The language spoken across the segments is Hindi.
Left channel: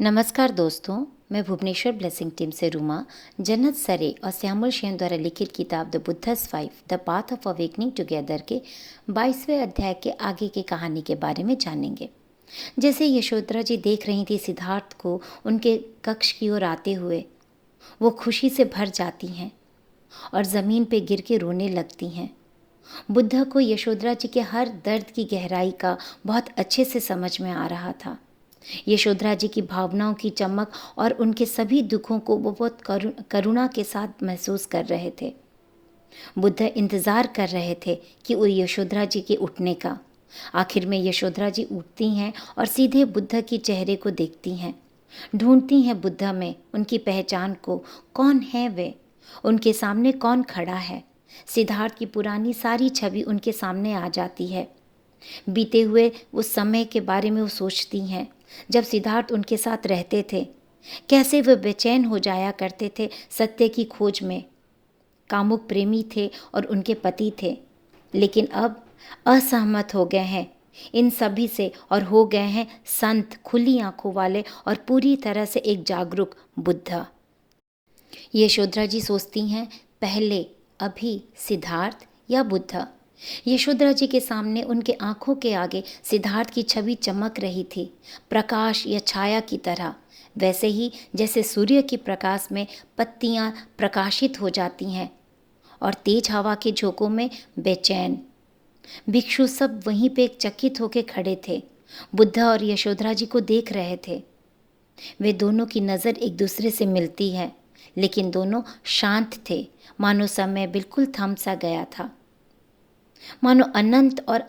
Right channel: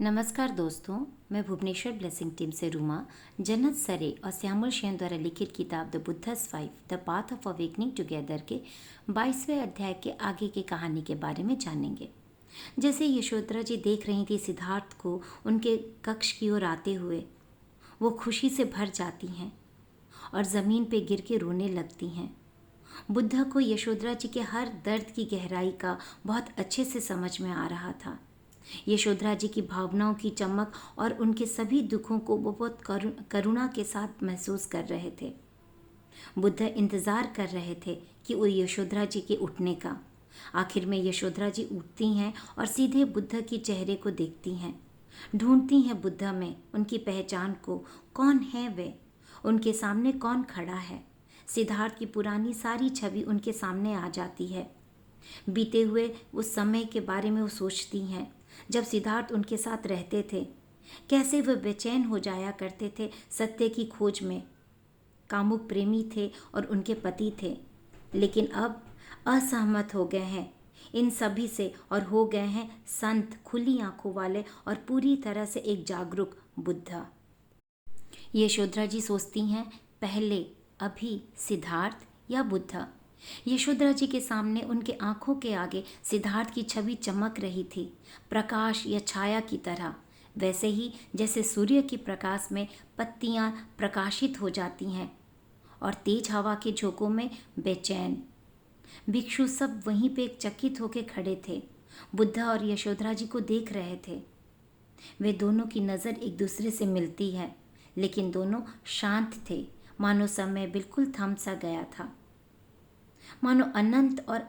नमस्कार दोस्तों, मैं भुवनेश्वर ब्लेसिंग टीम से रूमा जन्नत सरे और श्यामल शेन द्वारा लिखित किताब the Buddha's five the path of awakening together के 22वें अध्याय के आगे की कहानी के बारे में जानेंगे। जैसे यशोधरा जी देख रही थी सिद्धार्थ को उनके कक्ष की ओर आते हुए, वो खुशी से भर जाती हैं और ज़मीन पे गिर के रोने लगती हैं। बुद्धा को यशोधरा जी के हर दर्द की गहराई का बहुत अच्छे से समझ में आ रहा था। यशोधरा जी की भावनाओं की चमक और उनके सभी दुखों को वो बहुत करुणा के साथ महसूस कर रहे थे। बुद्ध इंतज़ार कर रहे थे कि वो यशोधरा जी के उठने का। आखिर में यशोधरा जी उठती हैं और सीधे बुद्ध के चेहरे को देखती हैं, ढूंढती हैं बुद्ध में उनकी पहचान को। कौन है वे, उनके सामने कौन खड़ा है? सिद्धार्थ की पुरानी सारी छवि उनके सामने आ जाती है। बीते हुए उस समय के बारे में वो सोचती हैं जब सिद्धार्थ उनके साथ रहते थे। कैसे वे बेचैन हो जाया करते थे सत्य की खोज में। कामुक प्रेमी थे और उनके पति थे, लेकिन अब असहमत हो गए हैं इन सभी से और हो गए हैं संत, खुली आंखों वाले और पूरी तरह से एक जागरूक बुद्ध। यशोधरा जी सोचती हैं, पहले अभी सिद्धार्थ या बुद्ध? यशोधरा जी के सामने उनके आंखों के आगे सिद्धार्थ की छवि चमक रही थी, प्रकाश या छाया की तरह, वैसे ही जैसे सूर्य के प्रकाश में पत्तियां प्रकाशित हो जाती हैं और तेज हवा के झोंकों में बेचैन। भिक्षु सब वहीं पे चकित होकर खड़े थे, बुद्ध और यशोधरा जी को देख रहे थे। वे दोनों की नज़र एक दूसरे से मिलती है, लेकिन दोनों शांत थे, मानो समय बिल्कुल थम सा गया था, मानो अनंत और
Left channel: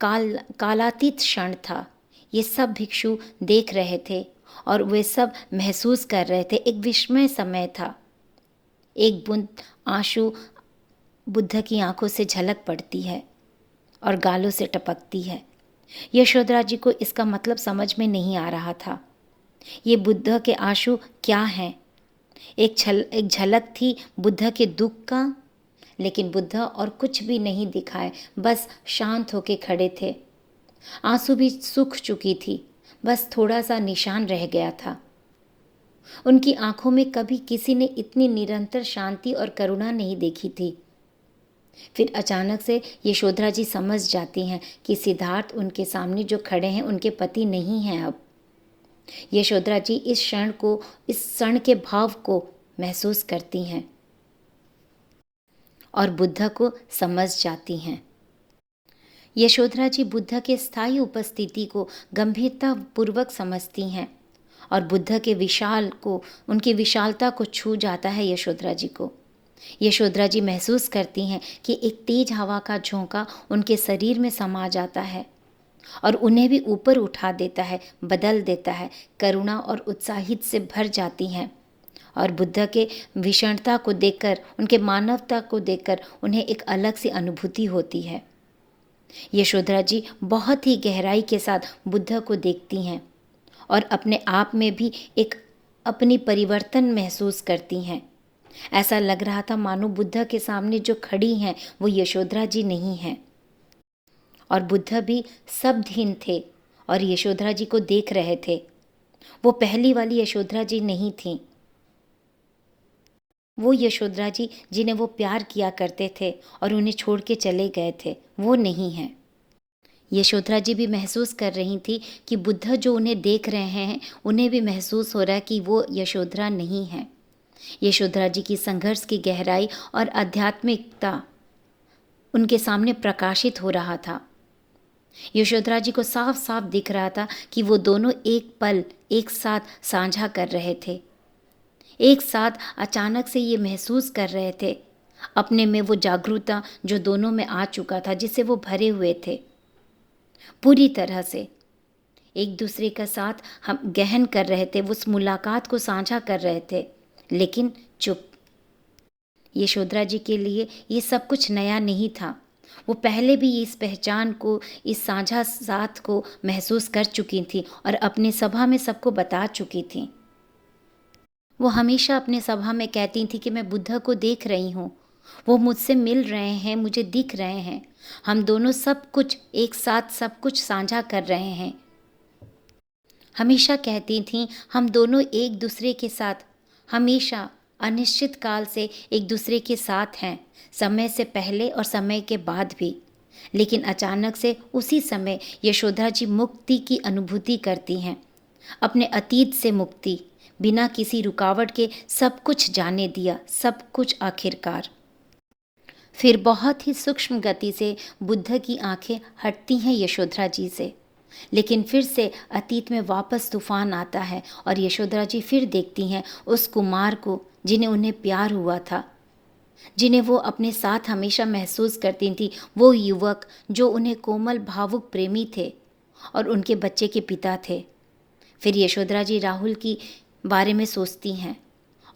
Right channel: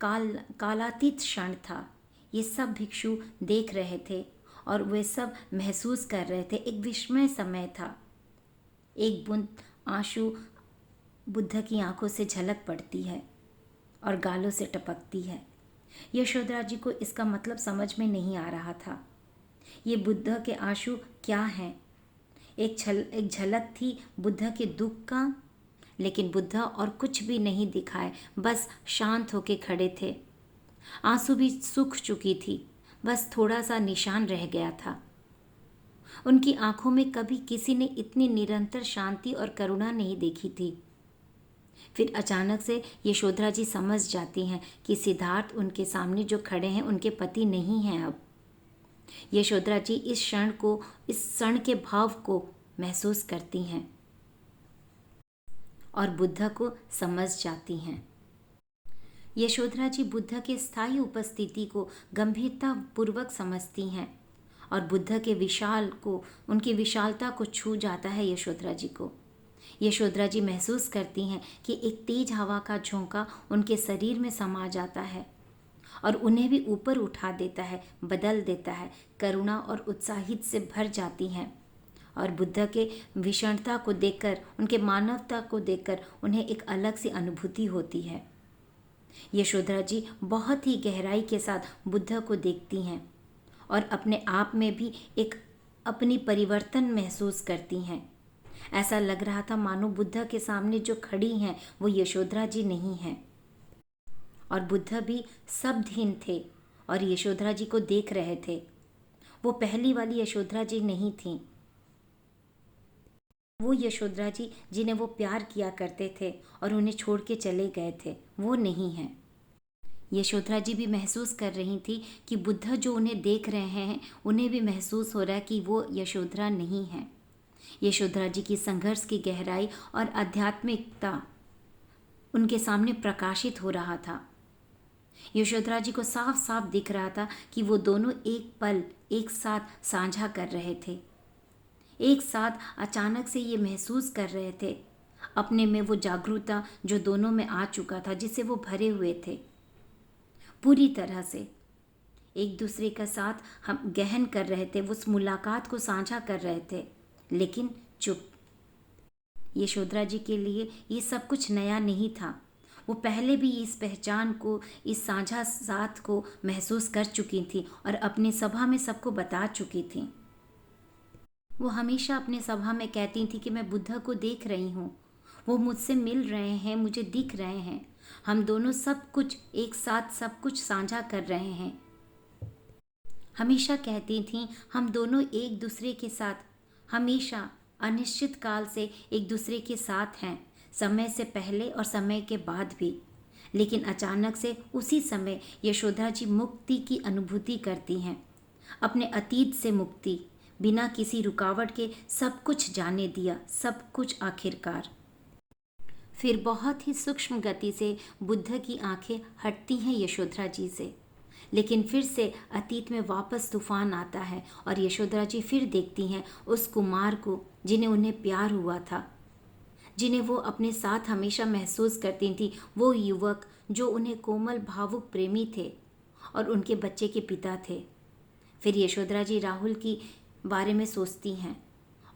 कालातीत क्षण था। ये सब भिक्षु देख रहे थे और वे सब महसूस कर रहे थे। एक विस्मय समय था। एक बूंद आंसू बुद्ध की आंखों से झलक पड़ती है और गालों से टपकती है। यशोधरा जी को इसका मतलब समझ में नहीं आ रहा था। ये बुद्ध के आंसू क्या हैं? एक झलक थी बुद्ध के दुख का, लेकिन बुद्ध और कुछ भी नहीं दिखाए, बस शांत होके खड़े थे। आंसू भी सूख चुकी थी, बस थोड़ा सा निशान रह गया था। उनकी आंखों में कभी किसी ने इतनी निरंतर शांति और करुणा नहीं देखी थी। फिर अचानक से यशोधरा जी समझ जाती हैं कि सिद्धार्थ उनके सामने जो खड़े हैं उनके पति नहीं हैं अब। यशोधरा जी इस क्षण के भाव को महसूस करती हैं और बुद्ध को समझ जाती हैं। यशोधरा जी बुद्ध के स्थायी उपस्थिति को गंभीरता पूर्वक समझती हैं और बुद्ध के उनकी विशालता को छू जाता है यशोधरा जी को। यशोधरा जी महसूस करती हैं कि एक तेज हवा का झोंका उनके शरीर में समा जाता है और उन्हें भी ऊपर उठा देता है, बदल देता है। करुणा और उत्साहित से भर जाती हैं और बुद्ध के भीषणता को देखकर, उनके मानवता को देखकर उन्हें एक अलग सी अनुभूति होती है। यशोधरा जी बहुत ही गहराई के साथ बुद्ध को देखती हैं और अपने आप में भी एक अपनी परिवर्तन महसूस करती हैं। ऐसा लग रहा था मानो बुद्ध के सामने जो खड़ी हैं वो यशोधरा जी नहीं हैं और बुद्ध भी शब्दहीन थे और यशोधरा जी को देख रहे थे। वो पहली वाली यशोधरा जी नहीं थीं। वो यशोधरा जी जिन्हें वो प्यार किया करते थे और उन्हें छोड़ के चले गए थे, वो नहीं हैं। यशोधरा जी भी महसूस कर रही थी कि बुद्ध जो उन्हें देख रहे हैं उन्हें भी महसूस हो रहा है कि वो यशोधरा नहीं है। यशोधरा जी की संघर्ष की गहराई और आध्यात्मिकता उनके सामने प्रकाशित हो रहा था। यशोधरा जी को साफ साफ दिख रहा था कि वो दोनों एक पल एक साथ साझा कर रहे थे, एक साथ अचानक से ये महसूस कर रहे थे अपने में वो जागरूकता जो दोनों में आ चुका था, जिससे वो भरे हुए थे। पूरी तरह से एक दूसरे का साथ हम गहन कर रहे थे, उस मुलाकात को साझा कर रहे थे, लेकिन चुप। यशोधरा जी के लिए ये सब कुछ नया नहीं था। वो पहले भी इस पहचान को, इस साझा साथ को महसूस कर चुकी थी और अपने सभा में सबको बता चुकी थी। वो हमेशा अपने सभा में कहती थी कि मैं बुद्ध को देख रही हूँ, वो मुझसे मिल रहे हैं, मुझे दिख रहे हैं, हम दोनों सब कुछ एक साथ सब कुछ साझा कर रहे हैं। हमेशा कहती थीं हम दोनों एक दूसरे के साथ हमेशा अनिश्चित काल से एक दूसरे के साथ हैं, समय से पहले और समय के बाद भी। लेकिन अचानक से उसी समय यशोधरा जी मुक्ति की अनुभूति करती हैं, अपने अतीत से मुक्ति, बिना किसी रुकावट के सब कुछ जाने दिया, सब कुछ आखिरकार। फिर बहुत ही सूक्ष्म गति से बुद्ध की आंखें हटती हैं यशोधरा जी से, लेकिन फिर से अतीत में वापस तूफान आता है और यशोधरा जी फिर देखती हैं उस कुमार को जिन्हें उन्हें प्यार हुआ था, जिन्हें वो अपने साथ हमेशा महसूस करती थी, वो युवक जो उन्हें कोमल भावुक प्रेमी थे और उनके बच्चे के पिता थे। फिर यशोधरा जी राहुल की बारे में सोचती हैं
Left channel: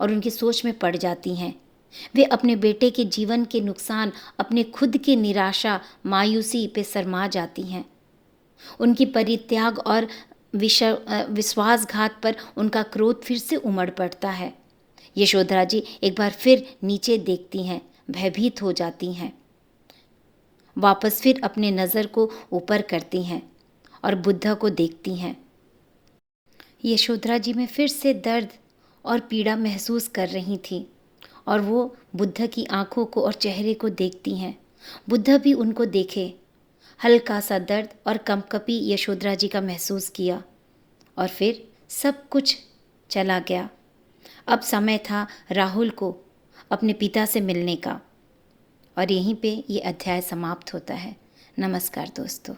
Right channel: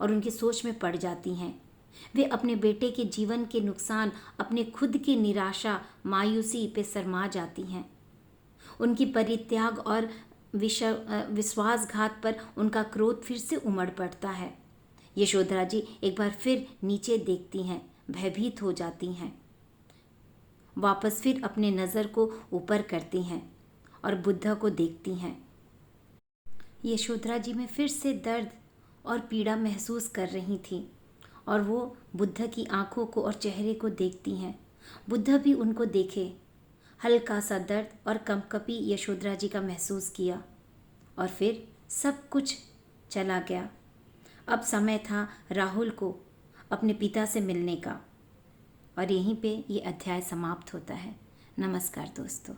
और उनकी सोच में पड़ जाती हैं। वे अपने बेटे के जीवन के नुकसान, अपने खुद की निराशा, मायूसी पे शर्मा जाती हैं। उनकी परित्याग और विश्वासघात पर उनका क्रोध फिर से उमड़ पड़ता है। यशोधरा जी एक बार फिर नीचे देखती हैं, भयभीत हो जाती हैं। वापस फिर अपने नज़र को ऊपर करती हैं और बुद्ध को देखती हैं। यशोधरा जी में फिर से दर्द और पीड़ा महसूस कर रही थी और वो बुद्ध की आंखों को और चेहरे को देखती हैं। बुद्ध भी उनको देखे। हल्का सा दर्द और कंपकपी यशोधरा जी का महसूस किया और फिर सब कुछ चला गया। अब समय था राहुल को अपने पिता से मिलने का। और यहीं पे ये अध्याय समाप्त होता है। नमस्कार दोस्तों।